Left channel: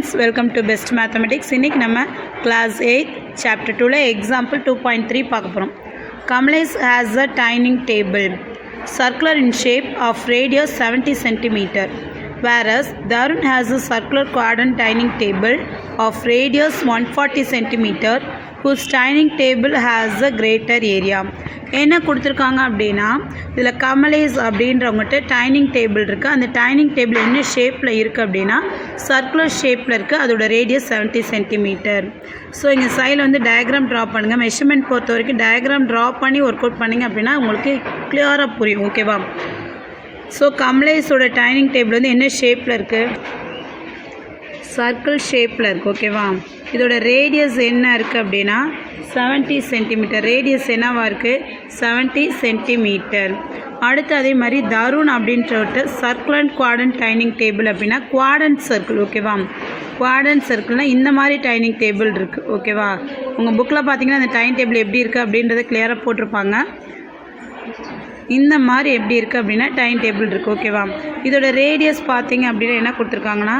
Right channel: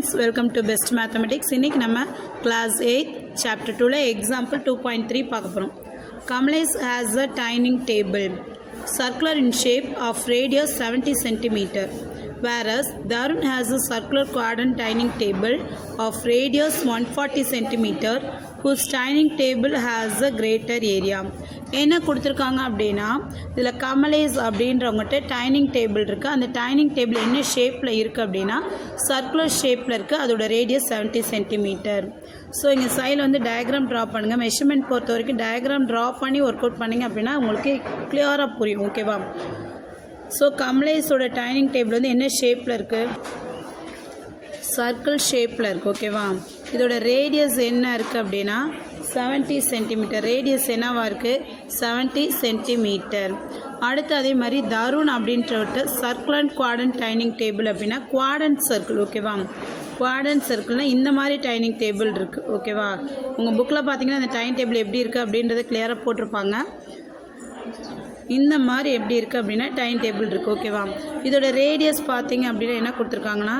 friends, welcome to Best Mathematics. இன்னைக்கு நம்ம class 8 chapter 2ல example 2.3 பார்க்க போறோம். Kamlesh has a dining table circular in shape of radius 70 cm, whereas Darun has a circular quadrant dining table of radius 140 cm, whose dining table has a greater area. என்ன கொடுத்துருக்காங்க அப்படின்னா இதில் Kamlesh அப்படின்றவங்ககிட்ட dining table இருக்குது. அந்த dining table என்ன ஷேப்பில் இருக்குது அப்படின்னா சர்க்குலர் ஷேப்பில் இருக்குது. அதோட ரேடியஸ் 70 சென்டிமீட்டர். ஸோ இங்கே சைடில் வந்து டயக்ராம் ட்ரா பண்ணுங்கள். மெஷர்மெண்ட் பொறுத்த வரைக்கும் டயக்ராம் ட்ரா பண்ணி ஒர்க் அவுட் பண்ணிங்க அப்படின்னா உங்களுக்கு கிளியராக புரியும். ஓகேவா? ஸோ கமலேஷோட டைனிங் டேபிள் வந்து என்ன ஷேப்பில் இருக்குது? சர்க்கிள் ஷேப்பில் இருக்குது. ஓகேவா? இதோட ரேடியஸ் என்ன இருக்குது அப்படின்னா 70 சென்டிமீட்டர். ரேடியஸ் என்னவாக இருக்குது? 70 சென்டிமீட்டர். அடுத்து அதே மாதிரி தருண் அப்படின்ற சர்க்குலர் குவாட்ரண்ட் டைனிங் டேபிள் அப்படின்னா குவாட்ரண்ட் சர்க்கிள். ஓகேவா? குவாட்ரண்ட் சர்க்கிள்னால் இந்த மாதிரி டைனிங் டேபிள் இருக்குது. ஓகேவா? உங்கள் புக்கில் பார்த்தீங்கன்னா அந்த டைனிங் டேபிள் எப்படி இருக்குது அப்படின்றத கிளியராக போட்டிருப்பாங்க. இந்த மாதிரி எப்படி இருக்குது அப்படின்னா டைனிங் டேபிள் இருக்குது. ஓகேவா? இதோட ரேடியஸ் பார்த்தீங்க அப்படின்னா என்ன கொடுத்துருக்காங்கன்னா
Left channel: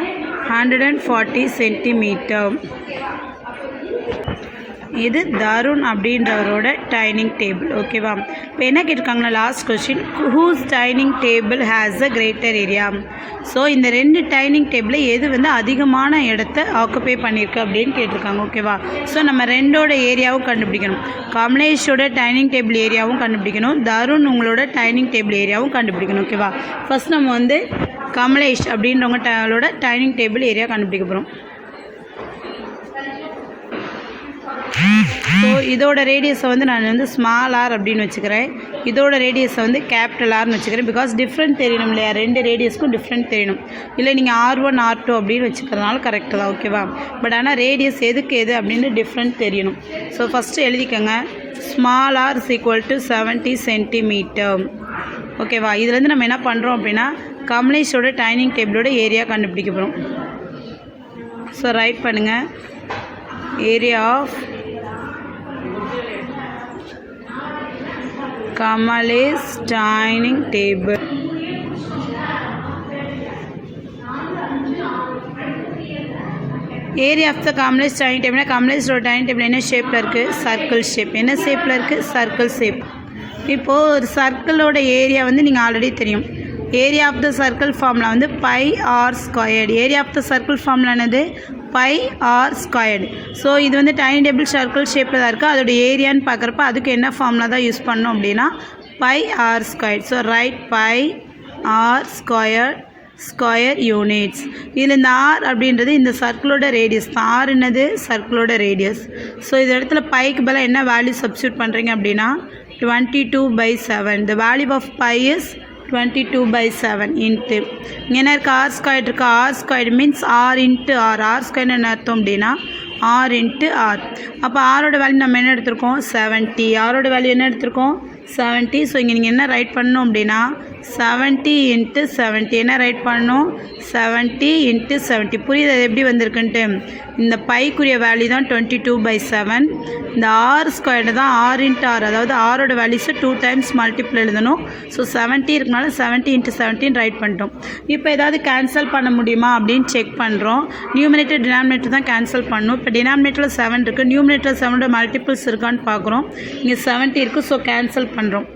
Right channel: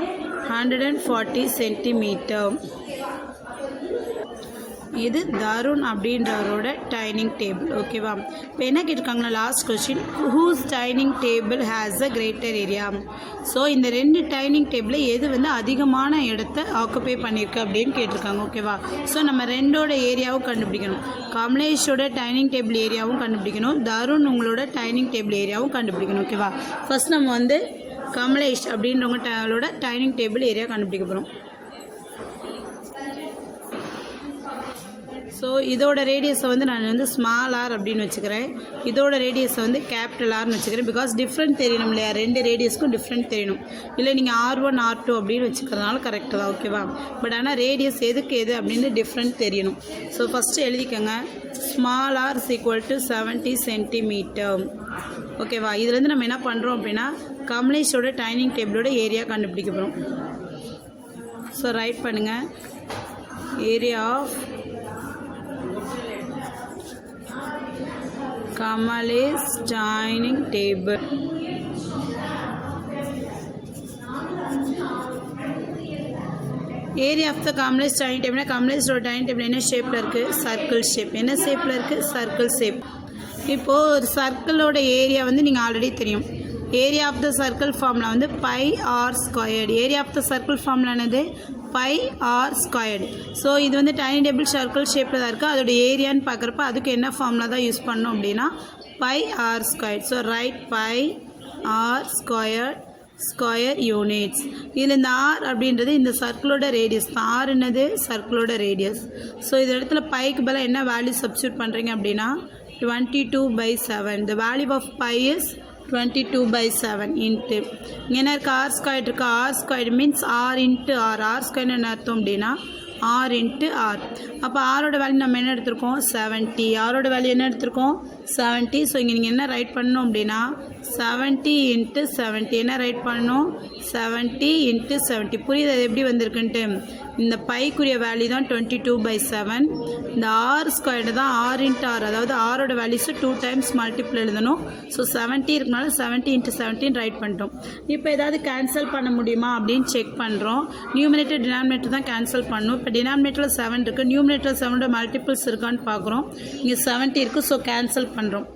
140 சென்டிமீட்டர். இது தருண் அப்படின்றவரோட டைனிங் டேபிள். ஓகேவா? இப்போ என்ன கேட்டிருக்காங்கன்னா last question, whose dining table has a greater area. So இந்த ரெண்டு டைனிங் டேபிளில் எது வந்து அதிகமான இடத்த ஆக்குப்பை பண்ணியிருக்கு அப்படின்னு கேட்டிருக்காங்க. ஓகேவா? ஸோ நம்ம ரெண்டோட ஏரியாவும் கண்டுபிடிக்கணும். கமலேஷோட டைனிங் டேபிள் ஏரியாவும் கண்டுபிடிக்கணும், தருண் உங்களோட டைனிங் டேபிள் ஏரியாவும் கண்டுபிடிக்கணும். ஓகேவா? ஃபஸ்ட் நம்ம வந்து கமலேஷ் அப்படின்றவங்களோட டைனிங் டேபிள் ஏரியா கண்டுபிடிக்க போகிறோம். ஸோ இதோட ரேடியஸை வந்து நான் வந்து ஸ்மால் ஆர் அப்படின்னு வச்சுக்கிறேன். இதோட ரேடியஸை வந்து கேபிட்டல் ஆர்னு வச்சுக்கிறேன். பிகாஸ் டிஃப்ரெண்ட் தெரியணும் இல்லையா? ரெண்டு ரேடியஸ்க்கும் டிஃப்ரெண்ட் தெரியணும். இல்லை நீங்கள் R1 R2 அப்படின்னு வச்சுக்கிறதுனால கரெக்டு தான். ஓகேவா? பட் ஆனால் ரேடியஸ் எதுக்கு எது அப்படின்னு டிஃப்ரெண்ட் தெரியணும். ஸோ ஃபஸ்ட்டு எழுதிக்கோங்க, small r is equal to 70 centimetre. ஓகேவா? இதுலேருந்து நம்ம என்ன பண்ணுறோம் அப்படின்னா கமலேஷோட டைனிங் டேபிளோட ஏரியா கண்டுபிடிக்க போகிறோம். ஸோ ரைட் பண்ணுங்கள், area of Kamalesh dining table. Area of the Kamalesh dining டேபிள்னா கமலேஷோட டைனிங் டேபிள் என்ன ஷேப்பில் இருக்குது? Circle shape. என்ன ஷேப்பில் இருக்குது? Circle shape. இப்போது ஒரு சர்க்கிளோட ஏரியா வந்து நீங்கள் ஆல்ரெடி தெரியும். Area of the circle formula வந்து pi R squared. Area of the circle formula என்னது? Pi R squared. ஸோ இது வந்து டைனிங் டேபிள் சர்க்கிள் ஷேப்பில் தான் இருக்குது. அதோட ஏரியான்னு பார்க்குறப்ப அதுக்கு என்ன ஃபார்முலா தான் யூஸ் பண்ணோம் அப்படின்னா pi R squared. So right pi r square units. இதில் இந்த ஆர் அப்படின்றது இந்த சர்க்கிளோட ரேடியஸ் தான். ஆர் என்னது? சர்க்கிளோட ரேடியஸ். ஸோ இந்த இடத்துல பைக்கு பதிலாக என்ன வேல்யூ சப்ஸ்டியூட் பண்ணுறீங்க அப்படின்னா 22/7. The value of pi is 22/7 into இங்கே என்ன இருக்குது? ஆர் ஸ்கொயர் இருக்குது. R square means r into r. R square என்ன அர்த்தம் அப்படின்னா ஆர் இன்ட்டு ஆர். அப்போ ஆரோட வேல்யூ நம்ம என்ன எடுத்திருக்கோம்? 70. ஆரோட வேல்யூ என்ன எடுத்திருக்கோம்? 70. ஸோ இங்கே நீங்கள் என்ன ரைட் பண்ணணும் அப்படின்னா 70 × 70. என்ன ரைட் பண்ணணும்? 70 × 70. புரியுது அது எப்படி வந்திருக்குன்ட்டு? இந்த பைக்குரிய வேல்யூ தான் 22/7. இந்த ஆர் ஸ்கொயர்டு தான் ஆர் இன்ட்டு ஆர். அதாவது ஆரோட வேல்யூஸை 2 டைம்ஸ் மல்டிபிள் எழுதணும். ஸோ 70 இருக்கனால 70 × 17 ரைட் பண்ணிட்டோம். இப்போ ஏதாவது கேன்சல் பண்ண முடியுமா அப்படின்னு செக் பண்ணுறோம். நியூமினேட்டர் டினாமினேட்டர் தான் கேன்சல் பண்ணணும். இப்போ டினாமினேட்டரில் 7 இருக்குது, நியூமினேட்டர் 7ஓட மல்டிபிள்ஸ் இருக்கான்னு பார்க்குறோம். இங்கே 70 இருக்குது. ஸோ கேன்சல் பண்ணுறோம்.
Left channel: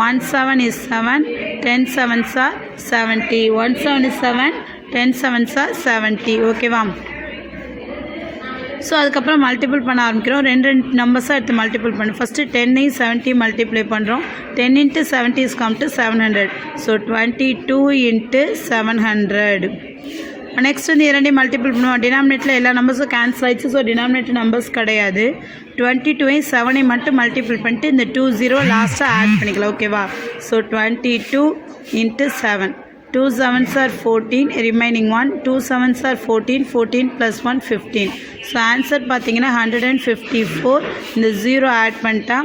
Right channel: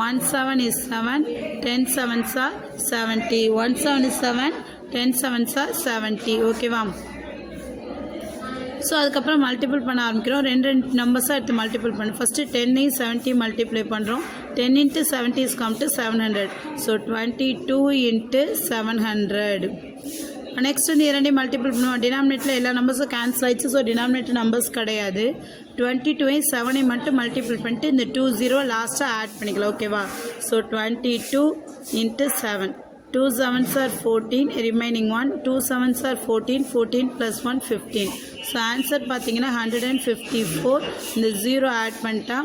1 7 is 7, 10 7s are 70. 1 7 is 7, 10 7s are 70. ஓகேவா? ஸோ அதுக்கப்புறம் மல்டிபிள் பண்ண ஆரம்பிக்கிறோம். ரெண்டு நம்பர்ஸாக எடுத்து மல்டிபிள் பண்ணு. ஃபஸ்ட்டு 10 70 மல்டிப்ளை பண்ணுறோம். 10 × 70 is come to 700. So 22 × 700. Next வந்து இரண்டையும் மல்டிபிள் பண்ணுவோம். டினாமினேட்டரில் எல்லா நம்பர்ஸும் கேன்சல் ஆகிடுச்சு. ஸோ டினாமினேட்டர் நம்பர்ஸ் கிடையாது. 22 7 மட்டும் மல்டிபிள் பண்ணிட்டு இந்த 20 லாஸ்ட்டாக ஆட் பண்ணிக்கலாம். ஓகேவா? So 22 × 7. 2 7s are 14, remaining 1. 2 7s are 14, 14 + 1 15. So answer பார்த்தீங்கன்னா 154. இந்த 0 ஆட் பண்ணிட்டா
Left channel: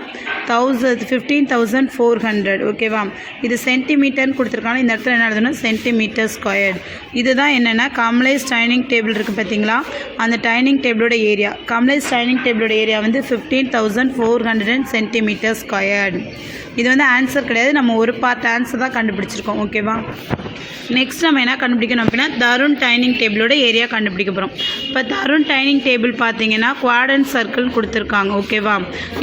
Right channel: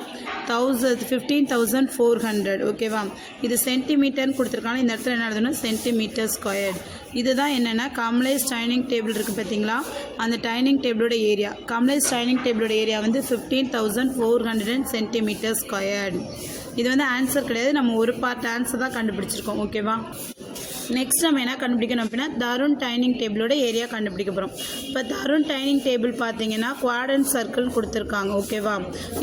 15,400. ஓகேவா? இது சென்டிமீட்டர்னு கொடுத்துருக்காங்க. இந்த இடத்துல என்ன எழுதணும்? Centimetre squared. இதுதான் என்னென்னா கமலேஷ் டைனிங் டேபிள் இருக்குது பார்த்தீங்களா? அந்த டைனிங் டேபிளோட ஏரியா. கமலேஷ் டைனிங் டேபிளோட ஏரியா வந்து 15,400 சென்டிமீட்டர் ஸ்கொயர்டு. இது வந்து ஆன்சர் கிடையாது, நம்ம ஒரு பார்ட் ஆன்சர் தான் கண்டுபிடிச்சிருக்கோம். ஓகேவா? நெக்ஸ்ட் நம்ம என்ன கண்டுபிடிக்கணும் அப்படின்னா தருண் டைனிங் டேபிளோட ஏரியா கண்டுபிடிக்க போகிறோம். இப்போ தருண் டைனிங் டேபிள் பார்த்தீங்கன்னா குவாட்ரண்ட் சர்க்கிள் கொடுத்துருக்காங்க. ஓகேவா?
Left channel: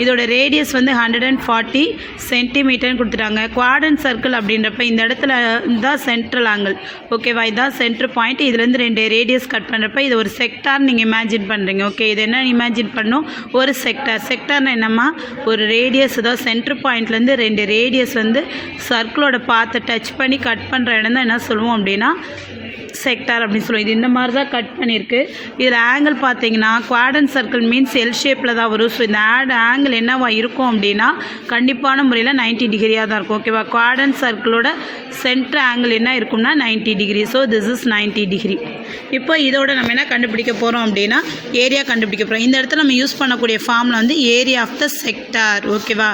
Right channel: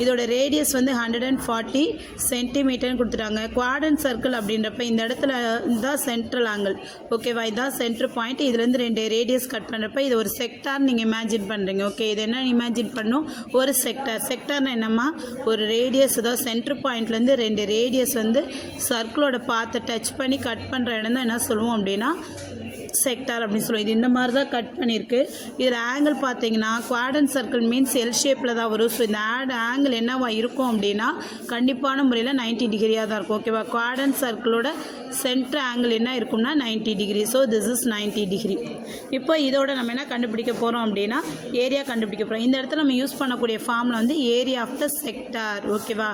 இதோட ரேடியஸ் வந்து 140 சென்டிமீட்டர்னு கொடுத்துட்டாங்க. குவாட்ரண்ட் சர்க்கிள் அப்படின்றப்ப இந்த இடத்துல தான் சென்ட்ரல் ஆங்கிள். ஓகேவா? இதுதான் சென்டர் பாயிண்ட். இதுலேருந்து 2 ரேடியஸ் கட் பண்ணுறப்ப இது ஒரு செக்டார் நீங்கள் இமேஜின் பண்ணுறீங்க. ஓகே, இது என்ன இமேஜின் பண்ணணும்? ஒரு செக்டார். செக்டார்னா என்னம்மா? ஒரு ரேடியஸ், அதாவது சென்டர் பாயிண்ட்லேருந்து 2 ரேடியஸ் வந்து சர்க்கிளோட பாத்தை டச் பண்ணி கட் பண்ணுற இடம் தான் என்ன சொல்லுவோம் அப்படின்னா செக்டார் அப்படின்னு சொல்லுவோம். இது இந்த மாதிரி தான் கட் பண்ணியிருக்கு. இதில் ஆங்கிள் பார்த்தீங்கன்னா குவாட்ரண்ட் சர்க்கிள் மீன்ஸ் எல் ஷேப்பில் தான் வரும். ஸோ இந்த ஆங்கிள் என்னவா இருக்கும் அப்படின்னா கண்டிப்பான முறையில் 90 டிகிரியாக தான் இருக்கும். ஓகேவா? குவாட்ரண்ட் சர்க்கிளோட சென்டர் ஆங்கிள் என்ன இருக்கும்னா 90 degree. So this is 90 degree. இப்போ இதோட நம்ம என்ன கண்டுபிடிக்க போகிறோம் அப்படின்னா ஏரியா கண்டுபிடிக்க போகிறோம். இந்த இடத்துல நம்ம யூஸ் பண்ணக்கூடிய ஃபார்மில் வந்து ஏரியா ஆஃப் த செக்டார். ஓகேவா?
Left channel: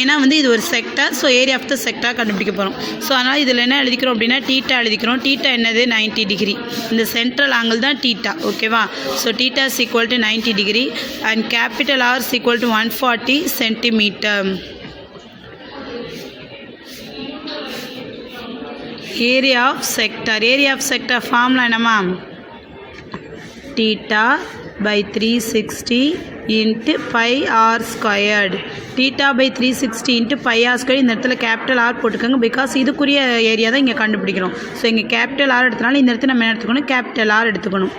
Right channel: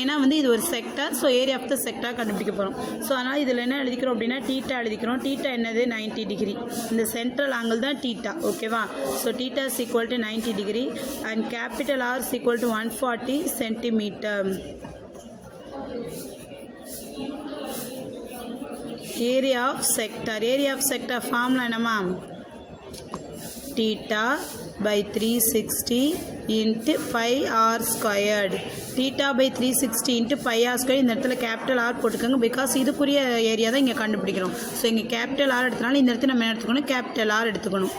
ஏன்னா வந்து இது ஒரு sector. So area of the sector கண்டுபிடிக்க போகிறோம். ஸோ அதனால் இதில் என்ன எழுதிக்கிறோம் அப்படின்னா டீட்டா எழுதிக்கிறோம். டீட்டா என்னது? 90 டிகிரி. இந்த சென்ட்ரல் ஆங்கிள் தான் டீட்டா. ஓகேவா? So theta is equal to 90 degree and capital R is equal to 140 centimetre. Area of sector. Area of sector formula என்னம்மா? Theta by 360 into pi r squared. theta by 360 into pi r squared. இந்த இடத்துல capital R போட்டுக்கோங்க, because இதுக்குரிய area தான் இங்கே கண்டுபிடிக்கிறோம். So இங்கே capital R எடுத்தனால இந்த இடத்துல நம்ம என்ன எடுத்துக்கணும்? கேபிட்டல் ஆர் எடுத்துக்கணும்.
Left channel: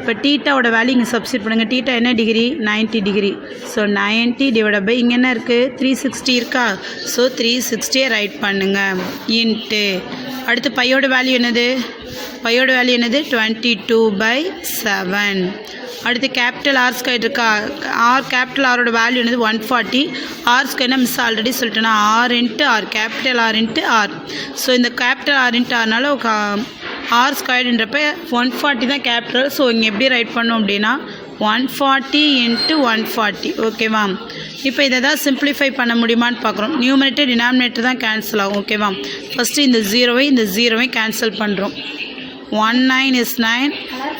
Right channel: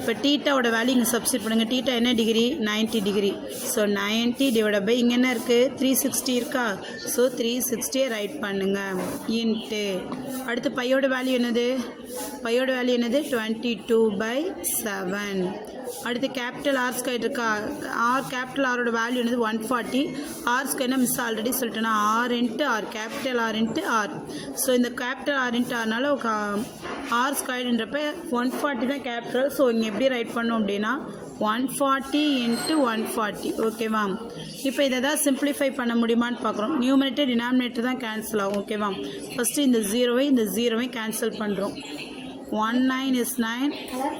இப்போ டீட்டாவோட வேல்யூ இங்கே சப்ஸ்டிட் பண்ணுங்கள். டீட்டா என்ன degree? 90 degree. So 90 divide by இங்கே என்ன இருக்குது? 360 இருக்கா? ஸோ 360 ரைட் பண்ணுங்கள் இன்ட்டு அடுத்து பையோட வேல்யூ என்னது? பையோட வேல்யூ என்னது? 22/7. அடுத்து கேபிட்டல் ஆர் ஸ்கொயர் இருக்கா? கேபிட்டல் ஆரோட வேல்யூ என்னது? 140. ஆர் ஸ்கொயர்னா மிஸ் ஆல்ரெடி சொல்லிட்டேன்னா R into R, capital R into R. So இந்த கேபிட்டல் ஆர் இன்ட்டு ஆர்னால ஆர் ஸ்கொயர்ன்றப்ப 140 தான் கேபிட்டல். ஸோ இங்கே எப்படி ரைட் பண்ணோம் அப்படின்னா 140 இன்ட்டு 140. ஓகேவா? இப்போ இதை தான் சிம்பிளிஃபை பண்ண முடியுமான்னு பார்க்குறோம். நியூமரேட்டர் டினாமினேட்டர் தான் கேன்சல் ஆகும். ஓகேவா? ஃபஸ்ட்டு இந்த ஜீரோவை கேன்சல் பண்ணுறோம். 19 is 9,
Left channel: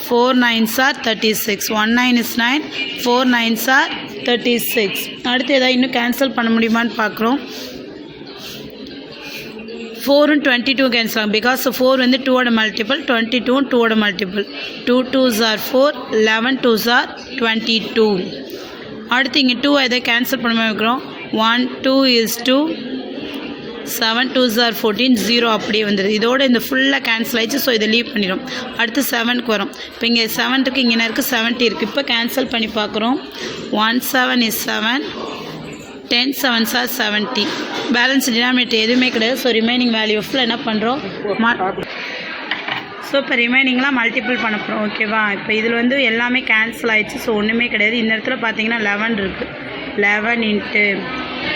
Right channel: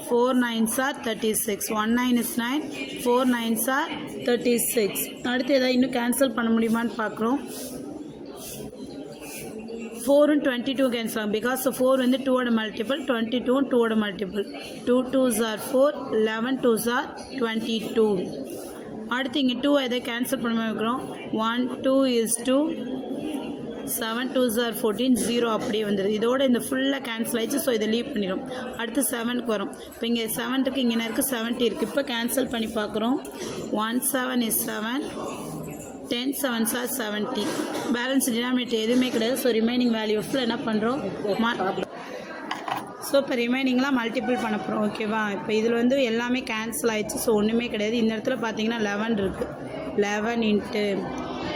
4 9s are 36. 19 is 9, 4 9s are 36. அடுத்து எதாவது இன்னும் கேன்சல் பண்ண முடியுமான்னு பார்க்குறோம். 4 and 22 கேன்சல் ஆகும், பிகாஸ் 4 வந்து 2ஓட multiple, 22 2ஓட multiple. 2 2s are 4, 11 2s are 22. அடுத்து இங்கே 2 எதை கேன்சல் பண்ண வைக்கிறோம். 1 2 is 2, 7 2s are 14, 0 அப்படியே வந்துடுது. இதோட இந்த ஃபுல்லாக கேன்சல் ஆகிடுச்சு. ஸோ இதை லீவ் பண்ணிடும். அடுத்து 7க்கு வரும். இப்போ இங்கே 7 இருக்குது, இங்கே என்ன இருக்குது? 70 இருக்குது. இப்போ கேன்சல் பண்ணி பார்க்குறோம். 1 7 is 7, 10 7s are 70. Balance denominator எதுவுமே கிடையாது. ஸோ ரிமைனிங் வேல்யூ ஆஃபில் என்ன பண்ணுறோம்? ஸோ இப்போ ரிமைனிங்லாம் மல்டிபிள் பண்ண போகிறோம். ஓகேவா? இப்போ இதில் வந்து எல்லாமே கேன்சல் ஆகிடுச்சு. ஸோ ஒன்றுமே கிடையாது. இந்த இடத்துல பார்த்தீங்கன்னா 11 இருக்குது. 11 இன்ட்டு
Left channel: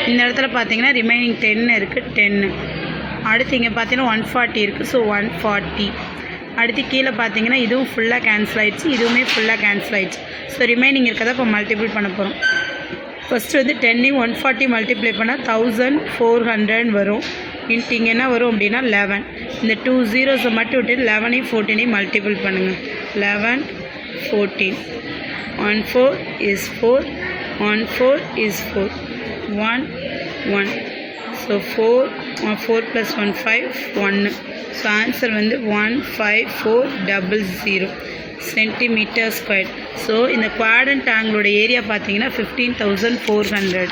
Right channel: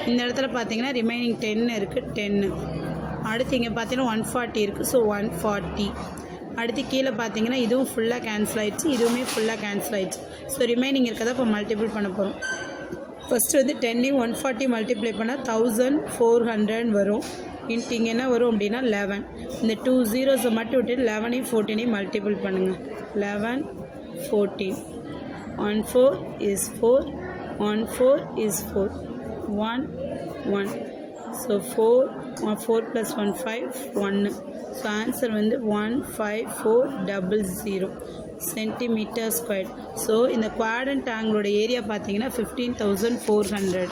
இந்த இடத்துல பார்த்தீங்கன்னா ரிமைனிங் 10 இருக்குது. 10. அடுத்து இங்கே பார்த்தீங்கன்னா 140 இருக்குது. ஸோ 140. அடுத்து கீழே பார்த்தீங்கன்னா இதுவும் ஃபுல்லாக கேன்சல் ஆகிடுச்சு, இதுவுமே ஃபுல்லாக கேன்சல் ஆகிடுச்சு. ஸோ ரிமைனிங் இருக்கிறத இப்போ மல்டிபிள் பண்ண போகிறோம். ஃபஸ்ட்டு வந்து 10 140 மல்டிப்ளை பண்ணால் 1400 வரும். இன்ட்டு இங்கே என்ன வரும் அப்படின்னா 11. இந்த 2 zeros மட்டும் விட்டு 11 14 மல்டிபிள் பண்ணுங்கள். 11 14. 1 4 is 4, 1 4 is 4, 1 1. So 4 + 1 5 1. So answer வந்து 15400 சென்டிமீட்டர் ஸ்கொயர். ஸோ இந்த குவாட்ரண்ட் ஆங்கிளோட ஏரியா பார்த்தீங்கன்னா 15,400.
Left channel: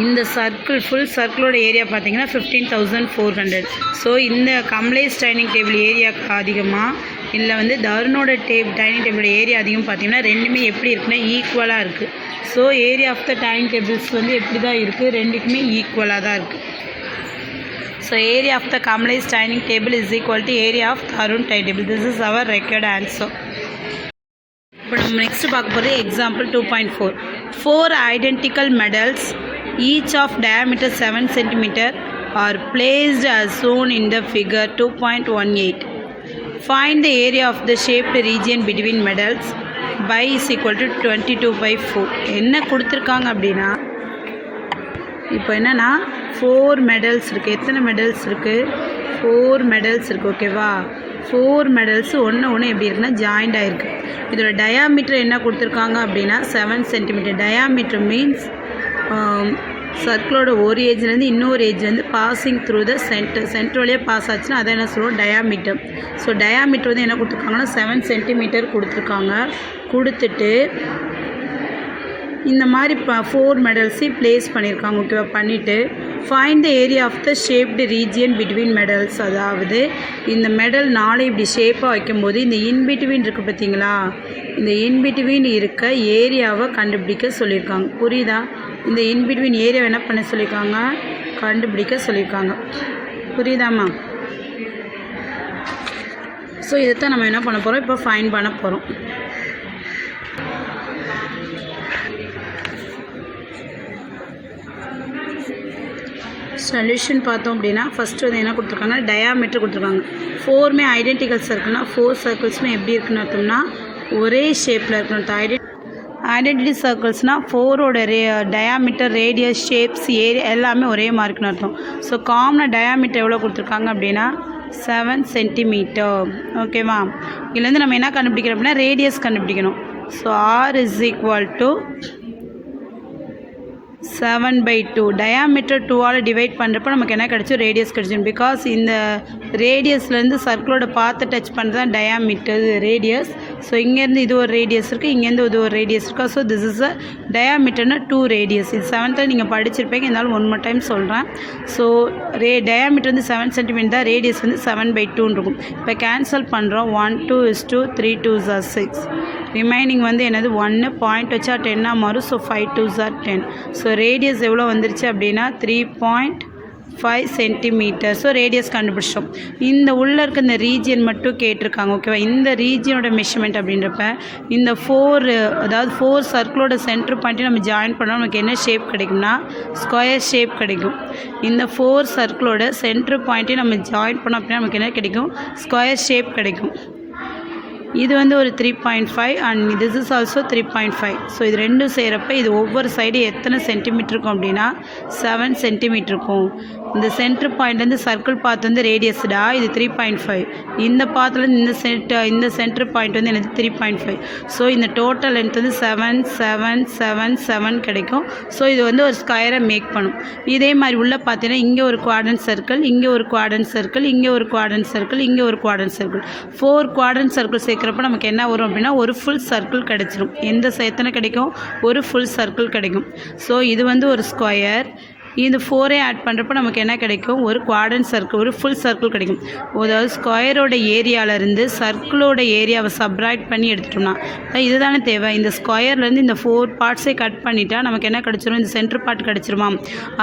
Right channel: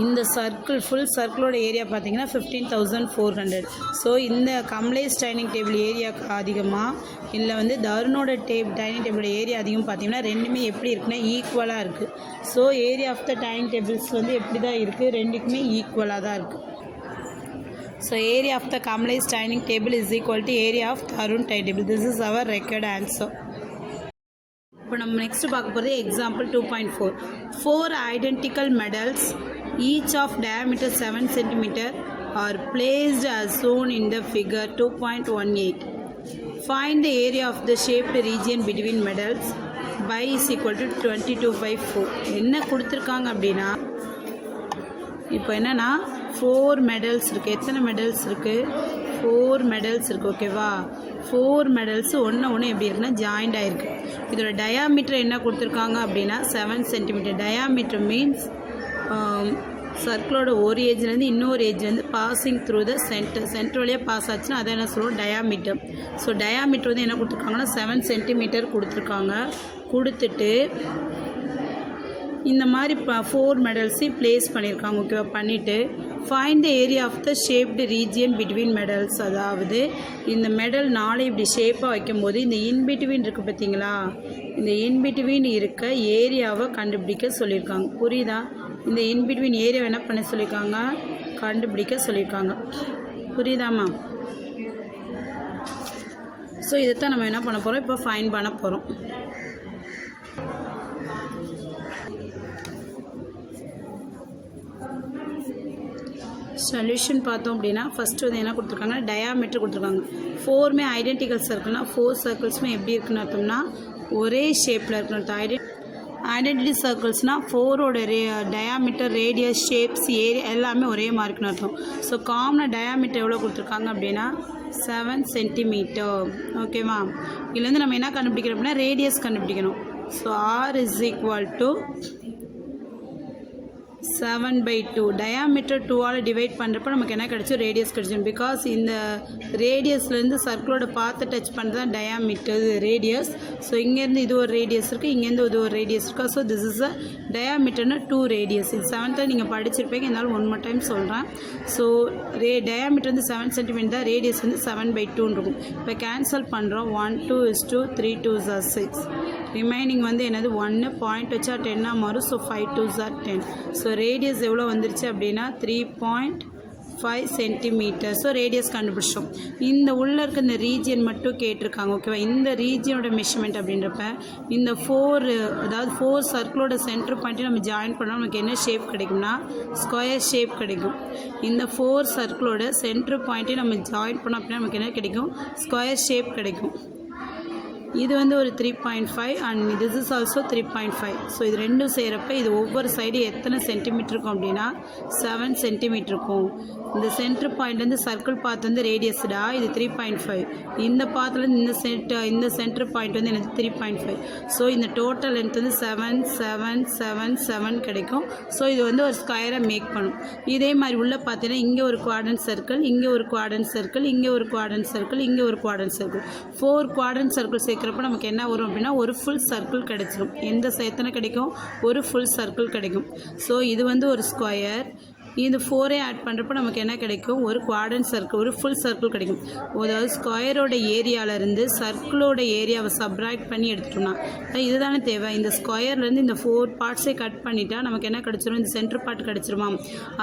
இந்த சர்க்கிள் ஃபுல் சர்க்கிளோட ஏரியா பார்த்தீங்கன்னா 15,400. ஸோ இந்த கம்லேஸ் டைனிங் டேபிள் ஏரியா அதிகமாக இல்லை வந்து தருணோட டைனிங் டேபிளோட ஏரியா அதிகம் பார்த்தீங்கன்னா ரெண்டுமே எப்படி இருக்குன்னா ஈக்குவலாக இருக்குது. So area of the dining tables வந்து எப்படி தான் இருக்குது? ரெண்டுக்குமே ஈக்குவலாக தான் இருக்குது. So area of the Kamlesh dining table is equal to area of Tarun dining table. This is our required answer. இப்போ நம்ம நெக்ஸ்ட் பார்க்க போகிறது example 2.4. 4 identical medals each of diameter 7 cm are placed as shown in the figure 2.18. Find the area of the shaped region between medals. By is equal to 22/4. என்ன கொடுத்துருக்காங்க அப்படின்னா இப்போ என்னென்னா 4 medals இருக்குது. எத்தனை மெடல்ஸ் இருக்குது? 4 மெடல்ஸ் இருக்குது. ஓகேவா? 4 மெடல்ஸு ஒன்று எப்படி இருக்குன்னா ஜாயிண்ட் ஆகிருக்கு. இதோட டயாமீட்டர் என்ன கொடுத்துருக்காங்க அப்படின்னா 7 cm. டயாமீட்டர் மீன்ஸ் சர்க்கிளோட ஒரு ஏஜ்லேருந்து இன்னொரு ஏஜ் வந்து பாசிங் த்ரூ த சென்டர் வழியாக பாஸ் ஆச்சுன்னா அதை என்ன சொல்லுவோம், டயாமீட்டர். ஸோ டயாமீட்டர் வந்து என்ன கொடுத்துருக்காங்கன்னா 7 சென்டிமீட்டர் கொடுத்துருக்காங்க. கொடுத்துட்டு இந்த மாதிரி 4 மெடல்ஸையும் ப்ளேஸ் பண்ணியிருக்காங்க. ஓகேவா, பண்ணிவிட்டு find the area of the shaped region between medals. அதாவது இந்த மெடல் 4 இப்படி ஷேப்பாக வைக்கும்போது இந்த இன்பிட்வீன் இருக்குது பார்த்தீங்களா, இந்த இன்பிட்வீன் இருக்க ஏரியாவை கண்டுபிடிக்க சொல்லியிருக்காங்க. புரியுதா? இந்த இன்பிட்வீன் ஏரியாவை என்ன பண்ண சொல்லியிருக்காங்க, கண்டுபிடிக்க சொல்லியிருக்காங்க. புரியுதாம்மா? ஸோ இதைத்தான் நம்ம என்ன பண்ண போகிறோம், இப்போ ஃபைண்ட் பண்ண போகிறோம். சொல்யூஷன் பார்த்தோம் அப்படின்னா ஃபஸ்ட்டு வந்து என்ன கொடுத்துருக்காங்கன்னா டயாமீட்டர் கொடுத்துருக்காங்க. 4மே ஐடென்டிக்கல் சர்க்கிள்னா 4 சர்க்கிள்ஸுமே எப்படி இருக்குன்னு அர்த்தம்னா ஒரே ஷேப்பில் இருக்கணும். ஐடென்டிட்டி சர்க்கிள்ஸ்னால் 4ஓட டயாமீட்டர், ரேடியஸ், ஷேப்ஸ், ஏரியா எல்லாமே ஒரே மாதிரி இருக்குன்னு அர்த்தம். ஸோ காமனாக டயாமீட்டர் எவ்வளோ கொடுத்துருக்காங்க அப்படின்னா 7 சென்டிமீட்டர். ஓகேவா, இதுலேருந்து நம்ம என்ன கண்டுபிடிக்கிறோம் அப்படின்னா ரேடியஸ் கண்டுபிடிக்கணும். So R is equal to 7/2. Diameter 2ஆல் டிவைட் பண்ணுறப்ப நமக்கு என்ன கிடச்சோம், ரேடியஸ் கிடச்சிடும். பிகாஸ் இந்த ரேடியஸ்லேருந்து சர்க்கிளோட பாத்தை டச் பண்ணுறது தான் டயாமீட்டர், ரேடியஸ். ஸோ இங்கேருந்து இது ஒரு ரேடியஸ் இருக்குது, இங்கேருந்து இது ஒரு ரேடியஸ் இருக்கா. ஸோ திஸ் இஸ் அ டயாமீட்டர்னா 2 ரேடியஸ். இது 7th நீங்கள் படிச்சிருப்பீங்க, இருந்தாலும் 1 more டைம் சொல்கிறேன். ஸோ டயாமீட்டர் வந்து 7 சென்டிமீட்டர் தான், ரேடியஸ் வந்து 7/2 இருக்கும். இப்போ கேன்சல் பண்ணுறோம். 1 2 is 2, 3 2s are 6. ரிமைனிங் வந்து என்னது 1 பாயிண்ட் வச்சா 10ஆக மாறும். So 5 2s are 10. So radius எவ்வளோ வந்துருச்சு அப்படின்னா 3.5 சென்டிமீட்டர். ஸோ ரேடியஸ் கண்டுபிடிச்சோம். இந்த உள்ளே இருக்க இந்த ரீஜியன் மட்டும் கேட்டிருக்காங்க. ஓகேவா, இந்த ரீஜியனோட மெஷர்மெண்ட் அப்படின்றப்ப இந்த 4 சர்க்கிளோட சென்டர் பாயிண்ட்டையும் நம்ம ஜாயின் பண்ணால் நமக்கு என்ன ஷேப் கிடைக்கும்னா ஸ்கொயர் ஷேப் கிடைக்கும். இந்த 4 சர்க்கிளோட சென்டர் பாயிண்ட்டையும் நம்ம ஜாயின் பண்ணோம் அப்படின்னா நமக்கு என்ன கிடைக்கும், ஸ்கொயர் ஷேப் கிடைக்கும். இது வந்து ஒரு 3.5 and this is also 3.5. So இது ரெண்டும் செய்கிறப்ப இது ஒவ்வொரு சைடு எத்தனை சென்டிமீட்டர் இருக்கும் அப்படின்னா 7 சென்டிமீட்டர் இருக்கும். இந்த சென்டர் பாயிண்ட்லேருந்து சர்க்கிள் பாத் வந்து ரேடியஸ்டா இது 3.5. இந்த பாத்துலேருந்து இந்த சென்டர் பாயிண்ட் வந்து எனக்கு 3.5. ஸோ இந்த டோட்டல் லென்த் வந்து 7 7 7 7 கிடைக்கும். ஸோ இது வந்து ஒரு ஸ்கொயரை மேக் பண்ணும். இதே மாதிரி உள்ள பார்த்தீங்கன்னா இங்கே ஒரு குவாட்ரண்ட் சர்க்கிள், இங்கே ஒரு குவாட்ரண்ட் சர்க்கிள், இங்கே ஒரு குவாட்ரண்ட் சர்க்கிள், இங்கே ஒரு குவாட்ரண்ட் சர்க்கிள். 4 குவாட்ரண்ட் சர்க்கிள் சேர்க்குறப்ப நமக்கு என்ன வரும் அப்படின்னா ஒரு ஃபுல் சர்க்கிள் கிடைச்சிடும். எத்தனை கிடைக்கும், ஒரு ஃபுல் சர்க்கிள் கிடைக்கும். ஸோ இது வந்து ஒரு ஸ்கொயர். இந்த 4 ஆட் பண்ணுறப்ப நமக்கு என்ன கிடைக்கும், ஒரு குவாட்ரண்ட் சர்க்கிள், ஒரு ஃபுல் சர்க்கிள் கிடைக்கும். அதாவது ஸ்கொயரோட ஏரியாவிலேருந்து சர்க்கிளோட ஏரியாவை சப்ராக்ட் பண்ணி எடுத்துட்டோம்னா இதுதானே தேவை. இந்த ஸ்கொயர்லேருந்து இந்த 4 பார்ட்ஸை கட் பண்ணிட்டா நமக்கு என்ன கிடச்சிரும், இந்த சென்டர் பார்ட் கிடச்சிருமா.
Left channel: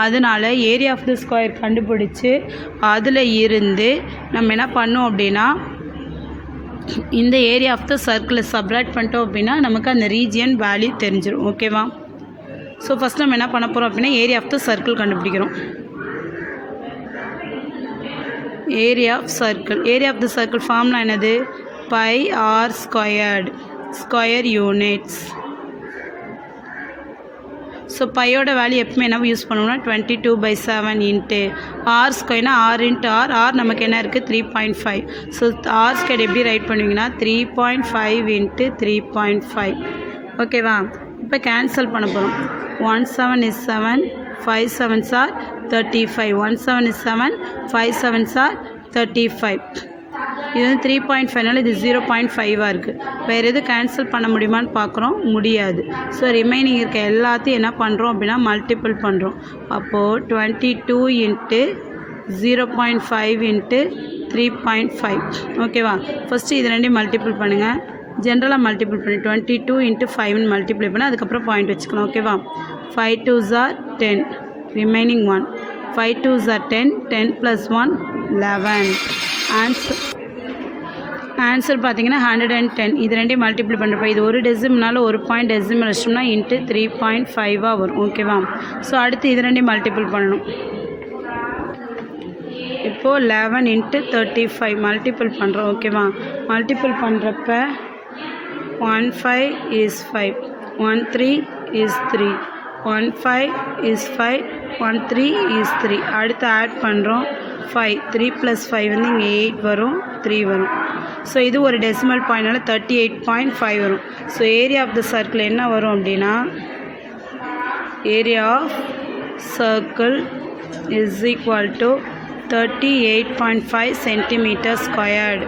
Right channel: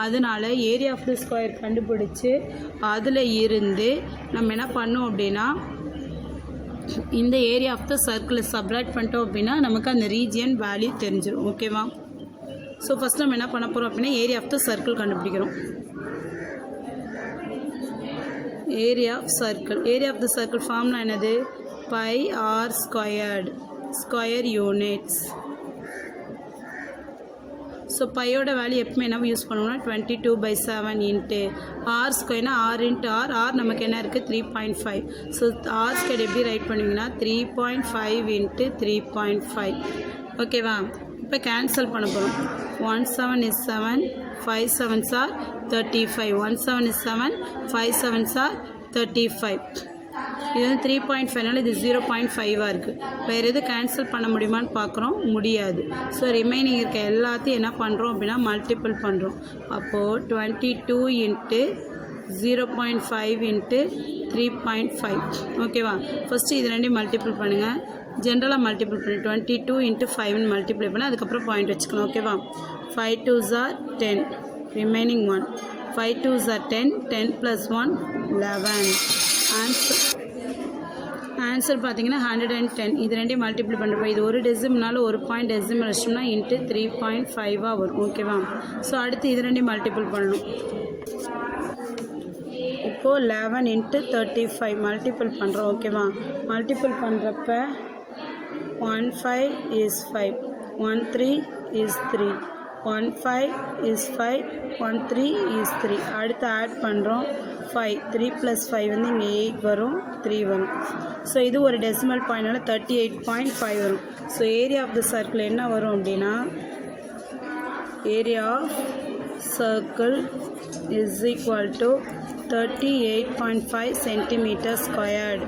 அதனால் ஏரியா ஆஃப் த ஸ்கொயர் கண்டுபிடிச்சி அதில் இருந்து நம்ம என்ன பண்ணோம் அப்படின்னா இந்த ஏரியா ஆஃப் த சர்க்கிளை சப்ராக்ட் பண்ணிட்டோம் அப்படின்னா நமக்கு அந்த ரீஜியன் வேல்யூ தெரிஞ்சிடும். ஓகேவா, ஸோ ஃபஸ்ட் நம்ம என்ன பண்ண போகிறோம் அப்படின்னா ஏரியா ஆஃப் த சர்க்கிள் கண்டுபிடிக்கிறோம். Area of the circle formula என்னது, pi R squared, square units. So பையோட வேல்யூ எப்பவுமே என்ன யூஸ் பண்ணுவோம்னா 22/7 இன்ட்டு ஆர் ஸ்கொயர்னா ஆர் இன்ட்டு ஆர் நமக்கு என்ன இருக்குது 3.5. ஸோ ஆர் ஸ்கொயர் எப்படி ரைட் பண்ணுவீங்கன்னா 3.5 இன்ட்டு 3.5. ஓகேவா, இப்போ கேன்சல் பண்ண போகிறோம். 1 7 is 7, 5 7s are 35. 1 7 is 7, 5 7s are 35. இது வந்து 3.5னால இது 0.5ஆக இருக்குது. வேறு எதுவும் கேன்சல் பண்ண முடியுமான்னு பார்க்குறோம், முடியாது. ஸோ ரிமைனிங் இருக்க எல்லாத்தையும் என்ன பண்ணுறோம் அப்படின்னா மல்டிபிள் பண்ணுறோம். அப்போது 22 இன்ட்டு 0.5 இன்ட்டு 3.5. ஓகேவா, ஃபஸ்ட்டு இது ரெண்டையும் மல்டிபிள் பண்ணுங்கள். ஜென்ரலாக மல்டிபிள் பண்ணி 22 இன்ட்டு 5 மல்டிப்ளை பண்ணி அதுக்கப்புறம் பாயிண்ட் வச்சுக்கணும். ஓகேவா, 5 2s are 10, remaining 1. 5 2s are 10, 10 + 1 11. Answer பார்த்தீங்கன்னா 110. இது ரெண்டையும் மல்டிப்ளை பண்ணுறப்ப இது ஒரு டெசிமல்னால ஒரு பாயிண்ட் டெசிமல் வச்சோம்னா இன்ட்டு 3.5ஆக வரும். ஓகேவா, ஸோ அடுத்து இது ரெண்டையும் மல்டிபிள் பண்ணணும். இப்போது 11 இன்ட்டு 35 மல்டிபிள் பண்ணுறோம். ஓகேவா, மல்டிபிள் பண்ணுறப்ப 1 5 is 5, 1 3 is 3, 1 5 is 5, 1 3 is 3. அடுத்து ஆட் பண்ணுறோம். 5 3 + 5 வந்து இங்கே 8 வரும், 3 வரும். ஸோ இது ஒரு டெசிமல் பாயிண்ட்னால 38.5 வரும். So area of the circle என்ன வரும் அப்படின்னா area of circle is equal to 38.5 centimeter squared.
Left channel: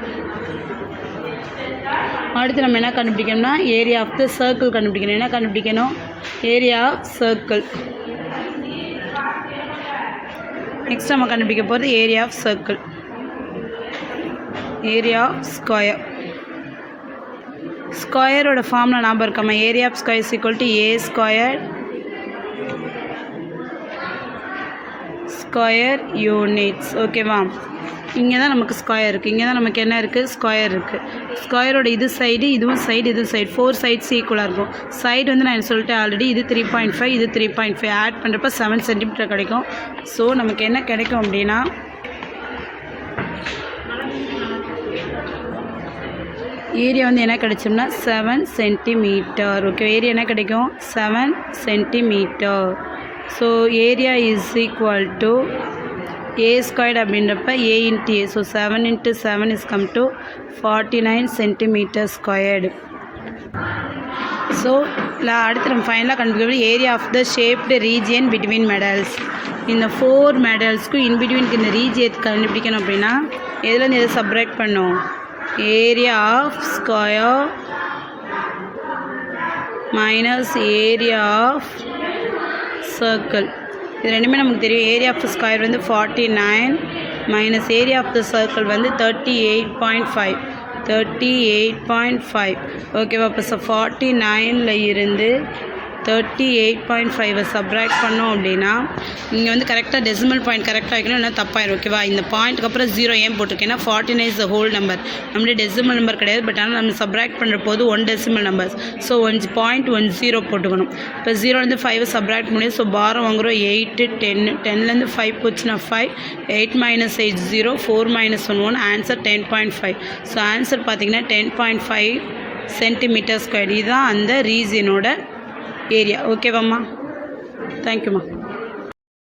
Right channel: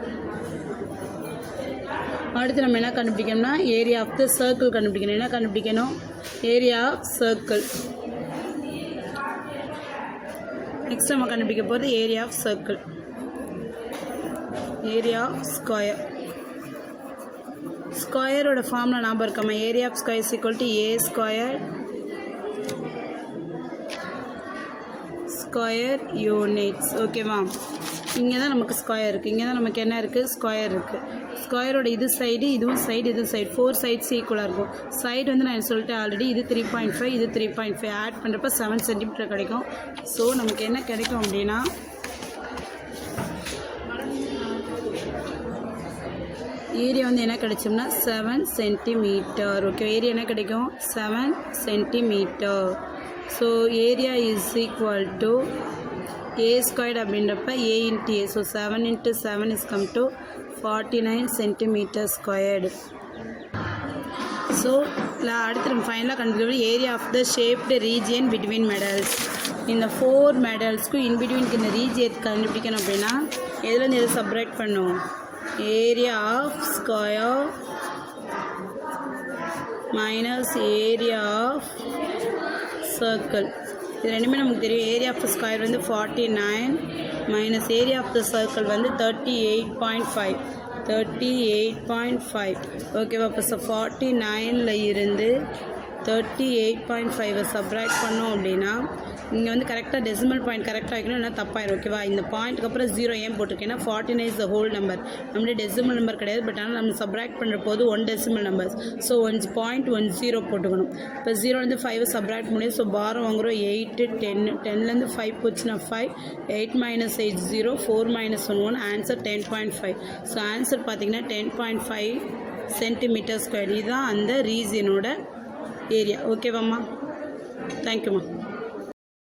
அடுத்து நம்ம என்ன கண்டுபிடிக்கணும்னா ஏரியா ஆஃப் த சர்க்கிள் கண்டுபிடிக்கணும். என்ன கண்டுபிடிக்கணும்? Area of circle. நெக்ஸ்ட் நம்ம கண்டுபிடிக்க போகிறது area of circle. Area of square. ஸ்கொயரோட ஃபார்மில் ஞாபகம் இருக்காமா? Area of square is equal to A square square units. ஓகேவா? இங்கே தான் நமக்கு ஸ்கொயர் இருக்குது. இங்கே தான் நமக்கு என்ன இருக்குது? ஸ்கொயர் இருக்குது. ஸ்கொயரோட இது சைடு, இதுவும் சைடு, இது சைடு, 4 சைட்ஸ் ஈக்குவலாக இருக்கும். சைடு வந்து நான் சொல்லிட்டேன் ஆல்ரெடி, இது 3.5, இது 3.5. ஆட் பண்ணுறப்ப 7 சென்டிமீட்டர் கிடைக்கும். ஸோ நமக்கு என்ன கிடைக்கும் அப்படின்னா ஏரியா வந்து என்ன கிடைச்சோம்னா 7 சென்டிமீட்டர். ஓகே, ஏரியா என்ன கிடைக்கும்? 7 centimetre. So area is equal to a squared அப்படின்றப்ப a into a. So 7 into 7 is come to 49 centimeter squared. So அடுத்து நம்ம ஃபைனலாக கண்டுபிடிக்கிறது area of the shaped region between medals. இந்த 4 மெடல்ஸ்க்கும் இன்பிட்வீனுக்கு இந்த ரீஜியன் கண்டுபிடிக்கணும் அப்படின்னா எதுலேருந்து எதை சப்ராக்ட் பண்ணும்? Area of square minus area of circle. இது ரெண்டுமே நமக்கு தெரியும். ஏரியா ஆஃப் த ஸ்கொயர் வந்து 49 minus area of the circle வந்து 38.5. ஓகேவா? இப்போ 49ல் இருந்து 38.5 சப்ராக்ட் பண்ணோம் அப்படின்னா இங்கே வந்து கரெக்டாக டெசிமல் பாயிண்ட் கரெக்டாக வைக்கணும், இல்லை தப்பாயிரும். ஓகேவா? இந்த பாயிண்ட்டுக்கு அப்புறம் 0 ஏன் போட்டிருக்கேன்னா 49 இஸ் த ஹோல் நம்பர். நம்மளுடைய டெசிமல் நம்பர் கிடையாது. பட் ஆனால் நம்ம சப்ராக்ட் பண்ணுற போது 1 டெசிமல் நம்பர்ஸ். ஸோ 1.10 போட்டுக்கணும். இப்போ 0லேருந்து 5 சப்ராக்ட் முடியும். ஸோ பாரம் வாங்குகிறோம் 8, 10. 10லேருந்து 5 போச்சுன்னா 5. 8 - 8 0. 4 - 1 1. ஆன்சர் 10.5. ஸோ ஆன்சர் பார்த்தீங்கன்னா 10.5 சென்டிமீட்டர் ஸ்கொயர். இதுதான் அந்த ரீஜியனோட ஏரியா. ஓகேவாம்மா? தேங்க்யூம்மா.